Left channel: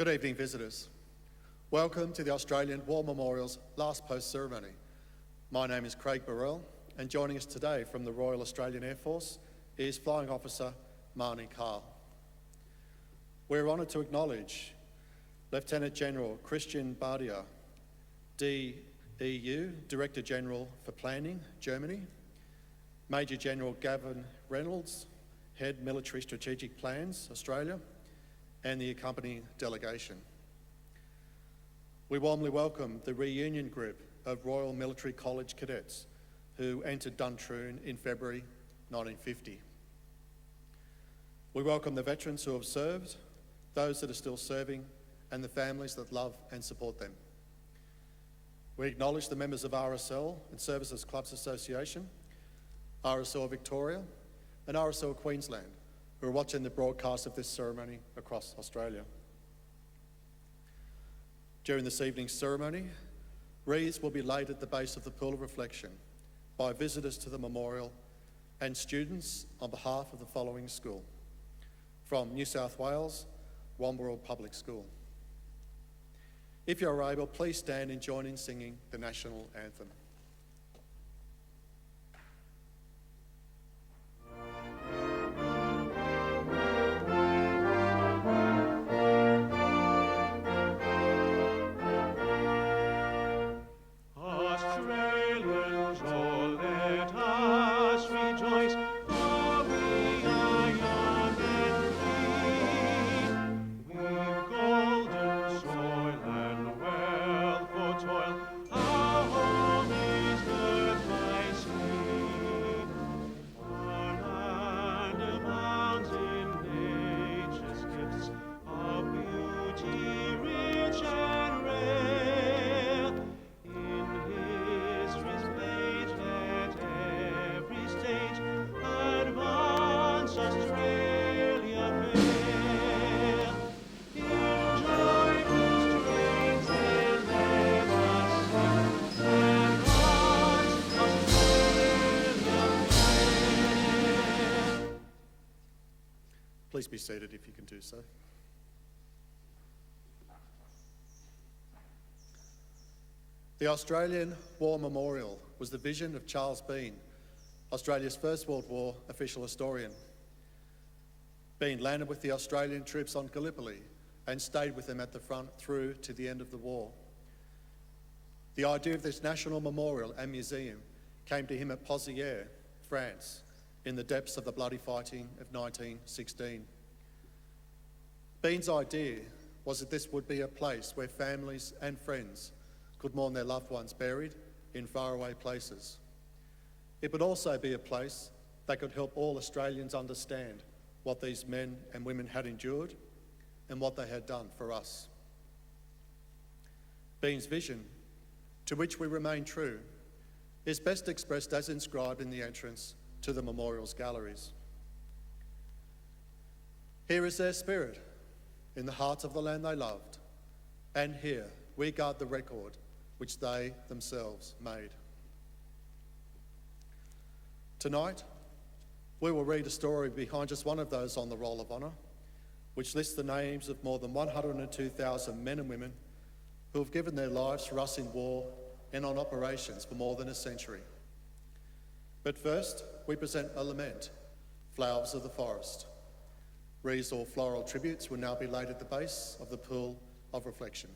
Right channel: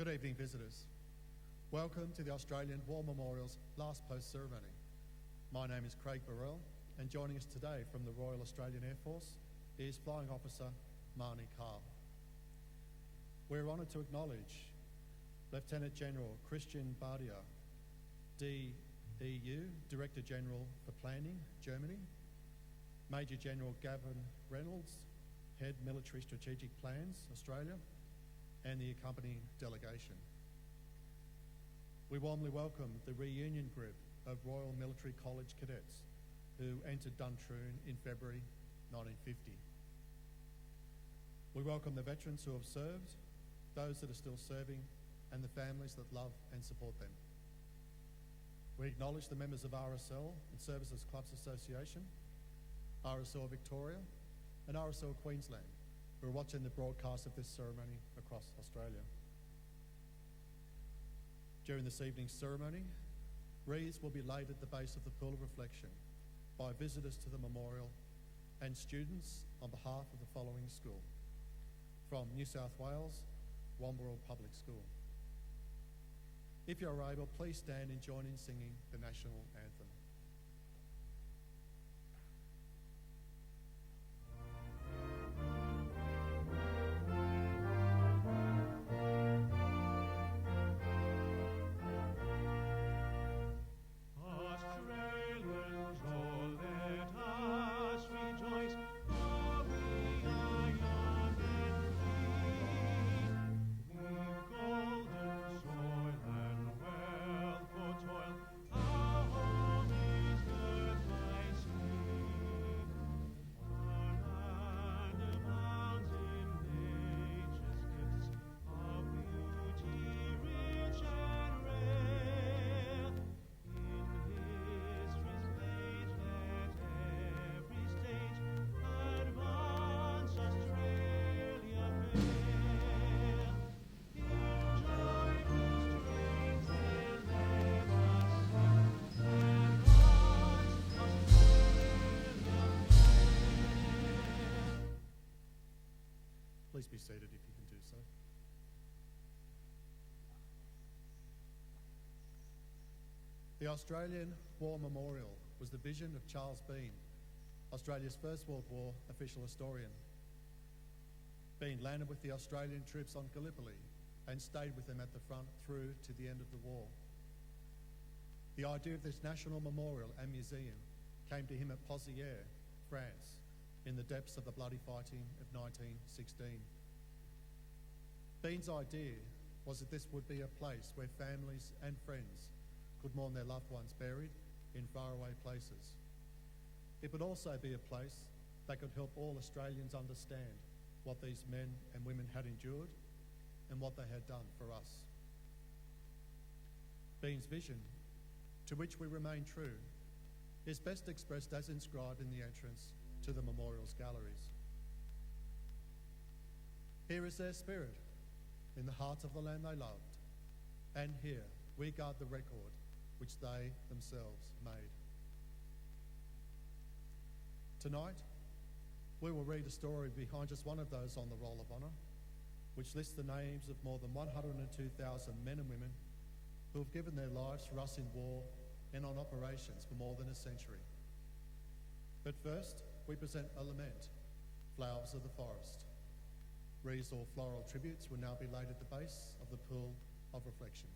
Good evening, visitors. Welcome to the Australian War Memorial's last post ceremony. My name is Craig Burrell, and joining us today from the Royal Australian Air Force is Flying Officer Marnie Carl. We're honoured to acknowledge Lieutenant General Christian Bardia, DEU, Director General for Planning, Germany, Major General Gavin Reynolds, Head Military Strategic Plans, Australia, and the accompanying delegation. We warmly welcome the reunion group of Royal Military College cadets who entered Duntroon in February 1950. We welcome the veterans who have served, those that are still serving, and the families that love and support them. We acknowledge the members of RSL and Services Clubs Association, RSL Victoria, and RSL Queensland, who are watching the broadcast of this ceremony across Australia. During this evening's ceremony, wreaths will be laid at the base of the Pool of Reflection by visitors to the memorial and students on behalf of the following school. From New South Wales, Wamberal Public School. If you are able, please stand and join in singing the national anthem. Please be seated if you can do so. The Australian War Memorial was the vision of Charles Bean, Australia's First World War official historian. Bean landed with the Australian troops on Gallipoli and stayed with them at the front through to the end of the war. The idea of this national memorial and museum came to him at Pozières, France, in the depths of the bloody fighting of 1916. Bean's idea was that this would be a place where families and friends could mourn their loved ones buried in faraway places. It would also be a place that could help all Australians understand what these men and women had endured and what they had done for us. Bean's vision, to which we remain true, is best expressed as inscribed in the entrance to the memorial's galleries. Here is their spirit, in the heart of the land they loved, and here we guard the record which they themselves made. Tonight, we will read a story behind just one of those on the Roll of Honour, which lists the names of more than 102,000 men and women who have given their lives for us in war and on operations for more than a century. But first, we present a lament, Flowers of the Forest. Wreaths or floral tributes will now be laid at the base of the Pool of Reflection.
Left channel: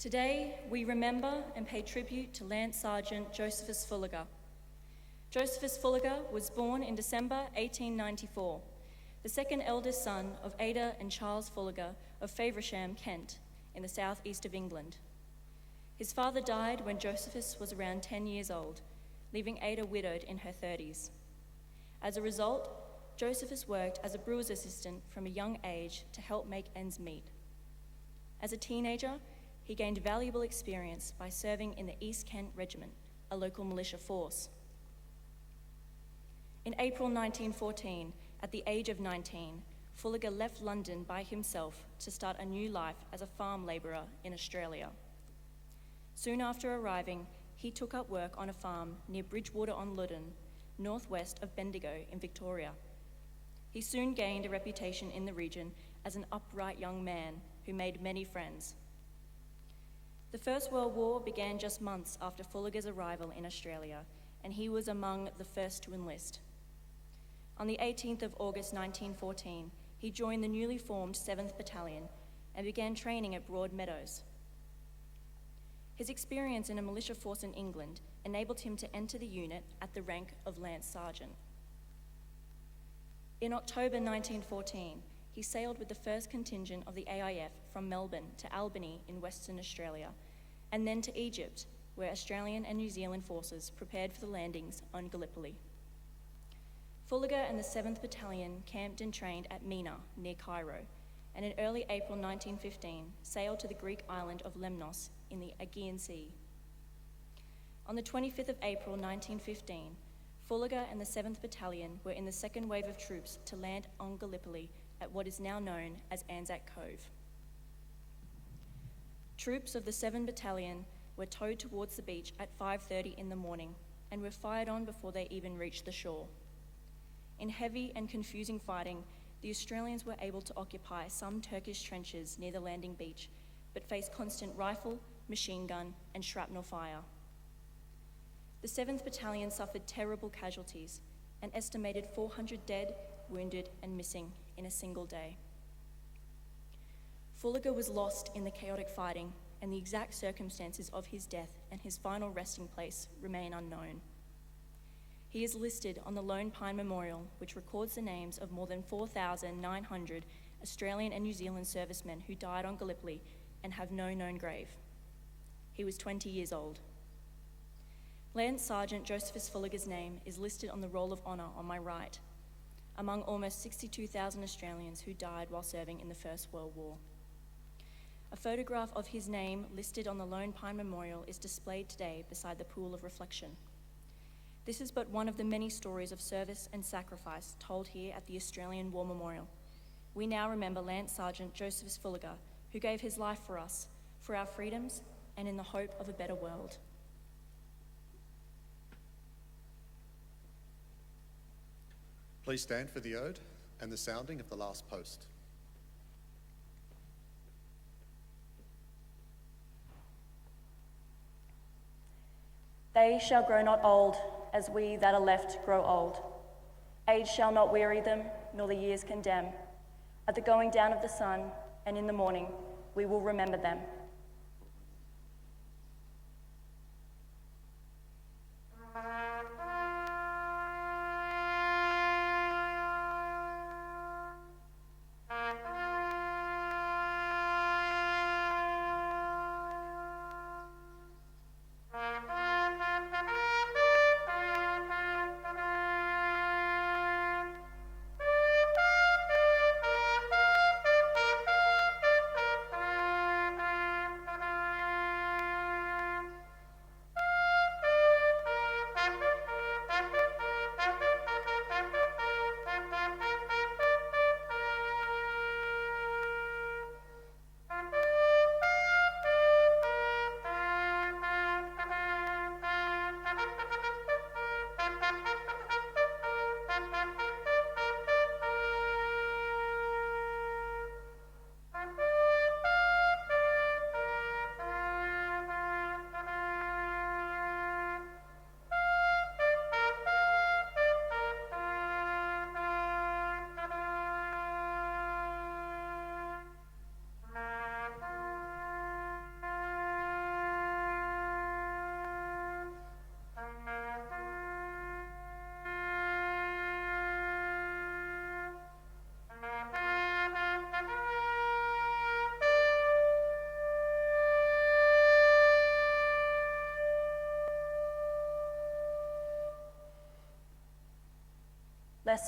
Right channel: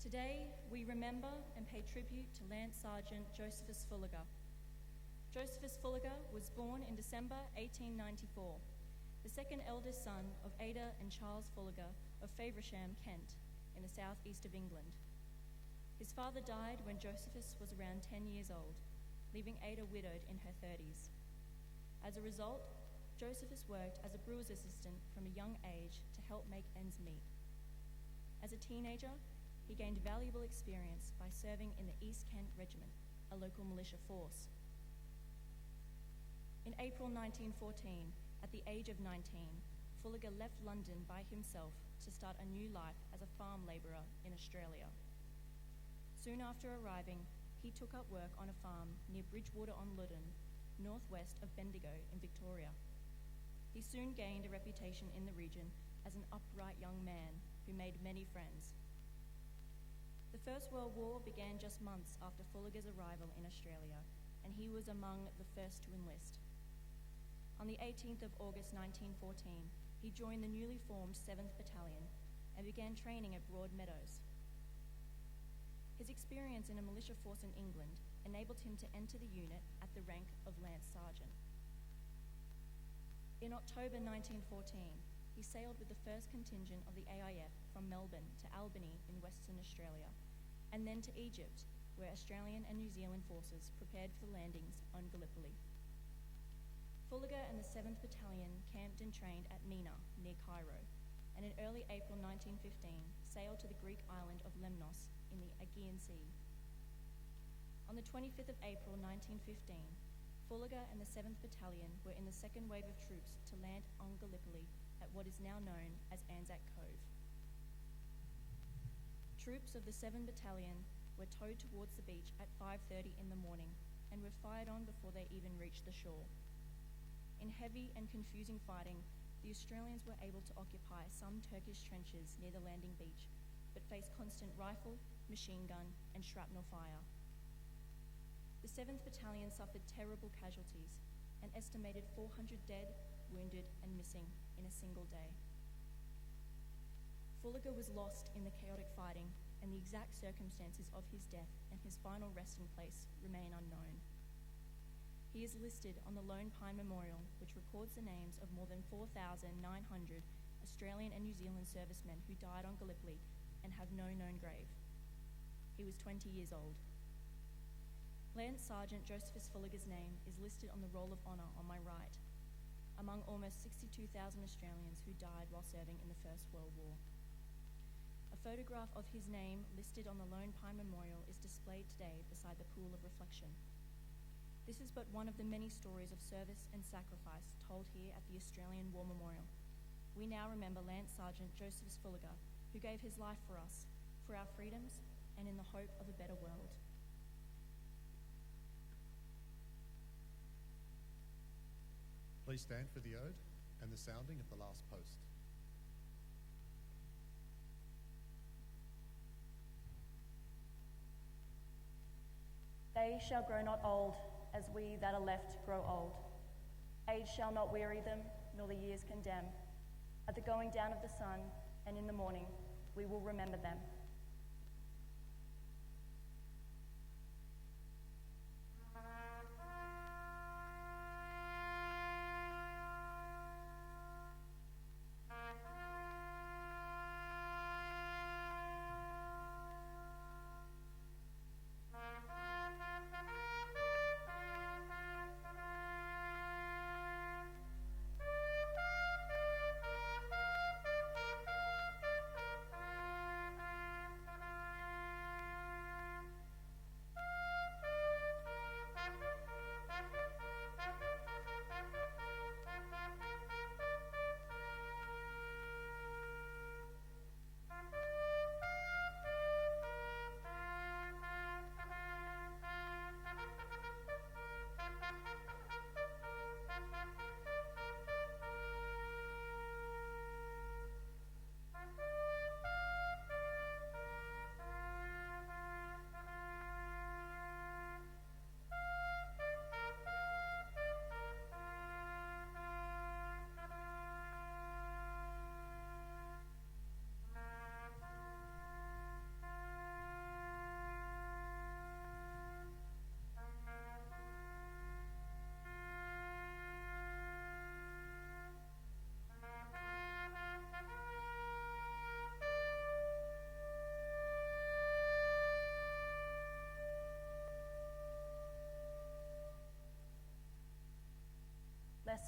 Today, we remember and pay tribute to Lance Sergeant Josephus Fullagar. Josephus Fullagar was born in December 1894, the second eldest son of Ada and Charles Fullagar of Faversham, Kent, in the southeast of England. His father died when Josephus was around 10 years old, leaving Ada widowed in her 30s. As a result, Josephus worked as a brewer's assistant from a young age to help make ends meet. As a teenager, he gained valuable experience by serving in the East Kent Regiment, a local militia force. In April 1914, at the age of 19, Fullagar left London by himself to start a new life as a farm labourer in Australia. Soon after arriving, he took up work on a farm near Bridgewater-on-Loddon, northwest of Bendigo in Victoria. He soon gained a reputation in the region as an upright young man who made many friends. The First World War began just months after Fullagar's arrival in Australia, and he was among the first to enlist. On the 18th of August 1914, he joined the newly formed 7th Battalion and began training at Broadmeadows. His experience in a militia force in England enabled him to enter the unit at the rank of Lance Sergeant. In October 1914, he sailed with the first contingent of the AIF from Melbourne to Albany in Western Australia, and then to Egypt, where Australian and New Zealand forces prepared for the landings on Gallipoli. Fullagar and the 7th Battalion camped and trained at Mina, near Cairo, and in early April 1915 sailed to the Greek island of Lemnos in the Aegean Sea. On the 25th of April 1915, Fullagar and the 7th Battalion were in the second wave of troops to land on Gallipoli at what is now known as Anzac Cove. Troops of the 7th Battalion were towed towards the beach at 5:30 in the morning and were fired on before they even reached the shore. In heavy and confusing fighting, the Australians were able to occupy some Turkish trenches near the landing beach, but faced constant rifle, machine gun, and shrapnel fire. The 7th Battalion suffered terrible casualties, an estimated 400 dead, wounded, and missing in a single day. Fullagar was lost in the chaotic fighting, and the exact circumstances of his death and his final resting place remain unknown. He is listed on the Lone Pine Memorial, which records the names of more than 4,900 Australian and New Zealand servicemen who died on Gallipoli and have no known grave. He was 20 years old. Lance Sergeant Josephus Fullagar's name is listed on the Roll of Honour on my right, among almost 62,000 Australians who died while serving in the First World War. A photograph of his name listed on the Lone Pine Memorial is displayed today beside the Pool of Reflection. This is but one of the many stories of service and sacrifice told here at the Australian War Memorial. We now remember Lance Sergeant Josephus Fullagar, who gave his life for us, for our freedoms, and in the hope of a better world. Please stand for the ode and the sounding of the last post. They shall grow not old, as we that are left grow old. Age shall not weary them, nor the years condemn. At the going down of the sun, and in the morning, we will remember them.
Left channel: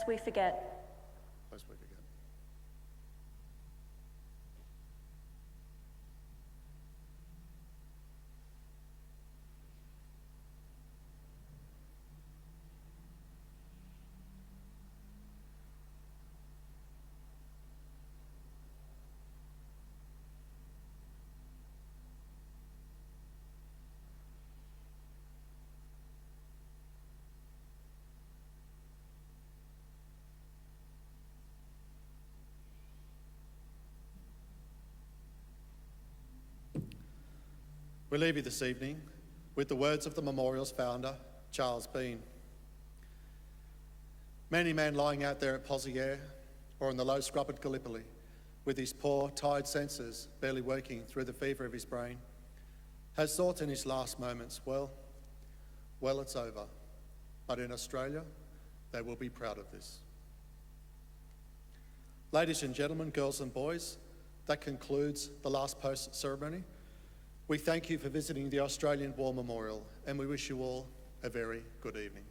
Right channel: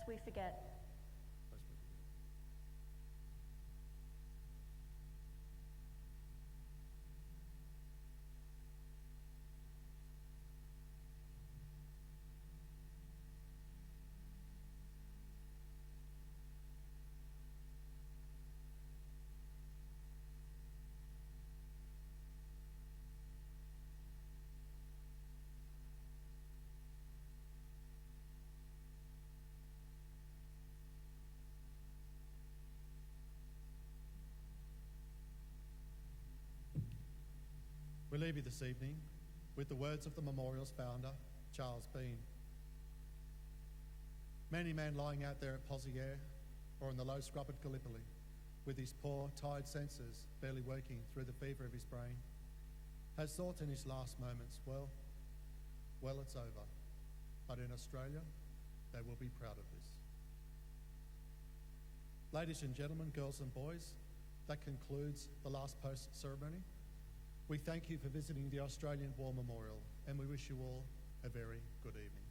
lest we forget. Lest we forget. We leave you this evening with the words of the memorial's founder, Charles Bean. Many man lying out there at Poziere or in the low scrub at Gallipoli, with his poor, tired senses barely working through the fever of his brain, has thought in his last moments, well, it's over. But in Australia, they will be proud of this. Ladies and gentlemen, girls and boys, that concludes the last post ceremony. We thank you for visiting the Australian War Memorial, and we wish you all a very good evening.